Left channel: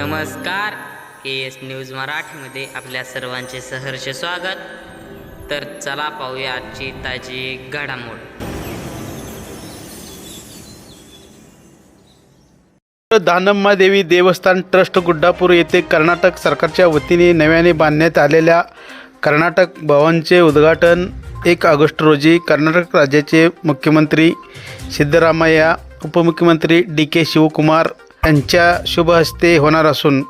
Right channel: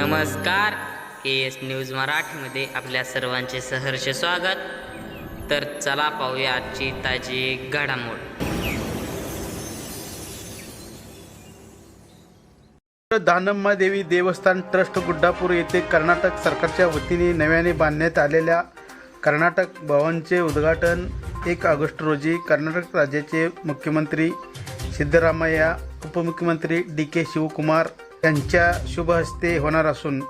नमस्कार. के S news मराठीमध्ये आपल्या सर्वांचे सहर्ष स्वागत. तर चला पाहूया आजची ताजी घडामोड. दानम्मा देवी देवस्थान ट्रस्ट गुड्डापूर येथे कर्नाटक सरकारच्या वतीने नव्याने बांधण्यात आलेल्या कर्नाटक भवनचे उद्घाटन एक ऑगस्ट रोजी कर्नाटक राज्याचे मुख्यमंत्री सिद्धरामय्या उपमुख्यमंत्री डी के शिवकुमार यांच्या शुभ हस्ते होणार असून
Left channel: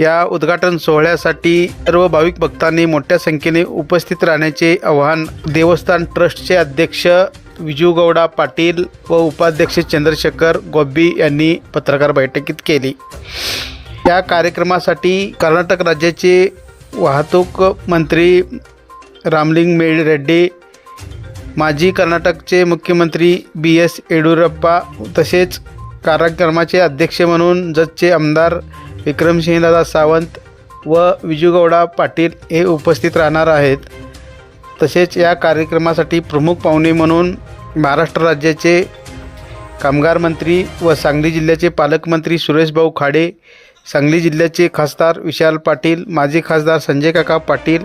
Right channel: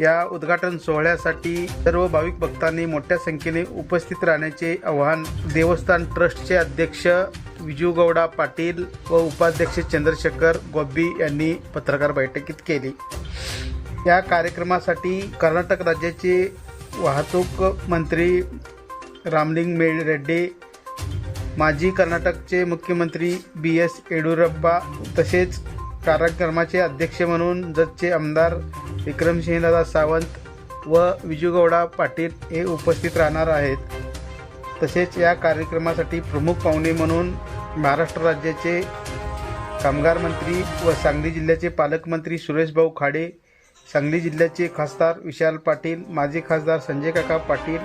या उद्घाटन सोहळ्यासाठी सर्व भाविक भक्तांनी मोठ्या संख्येने उपस्थित राहण्याचे आवाहन देवस्थान ट्रस्टचे अध्यक्ष विजू गौडा पाटील व उपाध्यक्ष चंद्रशेखर गोब्बी यांनी पत्रकार बैठकीत केली. या कार्यक्रमासाठी कर्नाटक राज्याचे वाहतूक मंत्री रामलिंग मेळ रेड्डी माजी कर्नाटकचे मुख्यमंत्री बी एस येडियुरप्पा तसेच कार्यक्रमाचे अध्यक्ष म्हणून जतचे आमदार विक्रमसिंहदादा सावंत व विजूगौडा पाटील हे उपस्थित राहणार आहेत. तसेच या कार्यक्रमासाठी प्रमुख पाहुणे म्हणून महाराष्ट्र राज्याचे कामगार मंत्री व सांगली जिल्ह्याचे पालकमंत्री सुरेशभाऊ खाडे सांगली जिल्ह्याचे खासदार विशाल पाटील माजी खासदार संजय काका पाटील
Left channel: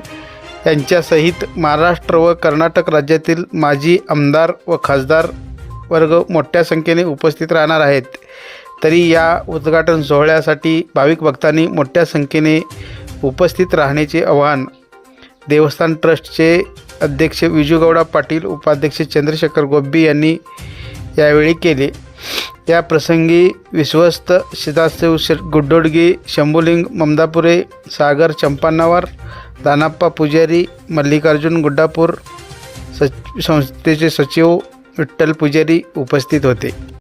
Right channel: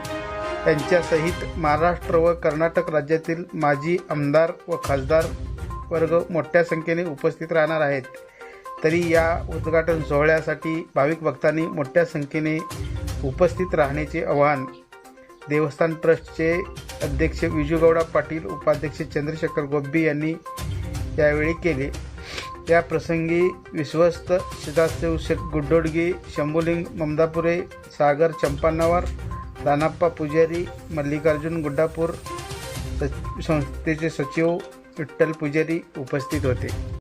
यांच्यासहित महाराष्ट्र व कर्नाटक राज्यातील माजी आमदार व खासदार वर्ग मोठ्या संख्येने उपस्थित राहणार आहेत. तरी या उद्घाटन सोहळ्यासाठी भाविक भक्तांनी मोठ्या संख्येने उपस्थित राहण्याचे आवाहन देवस्थान ट्रस्टचे अध्यक्ष विजूगौडा पाटील उपाध्यक्ष चंद्रशेखर गोब्बी यांनी यावेळी केले. या प्रसंगी विश्वस्त सदाशिव गुड्डोडगी शंभुलिंग ममदापुरे सागर चंपानावर दानाप्पा पुजारी मल्लिकार्जुन गुड्डापूर सच संस्थेचे सचिव विठ्ठल पुजारी उपस्थित होते.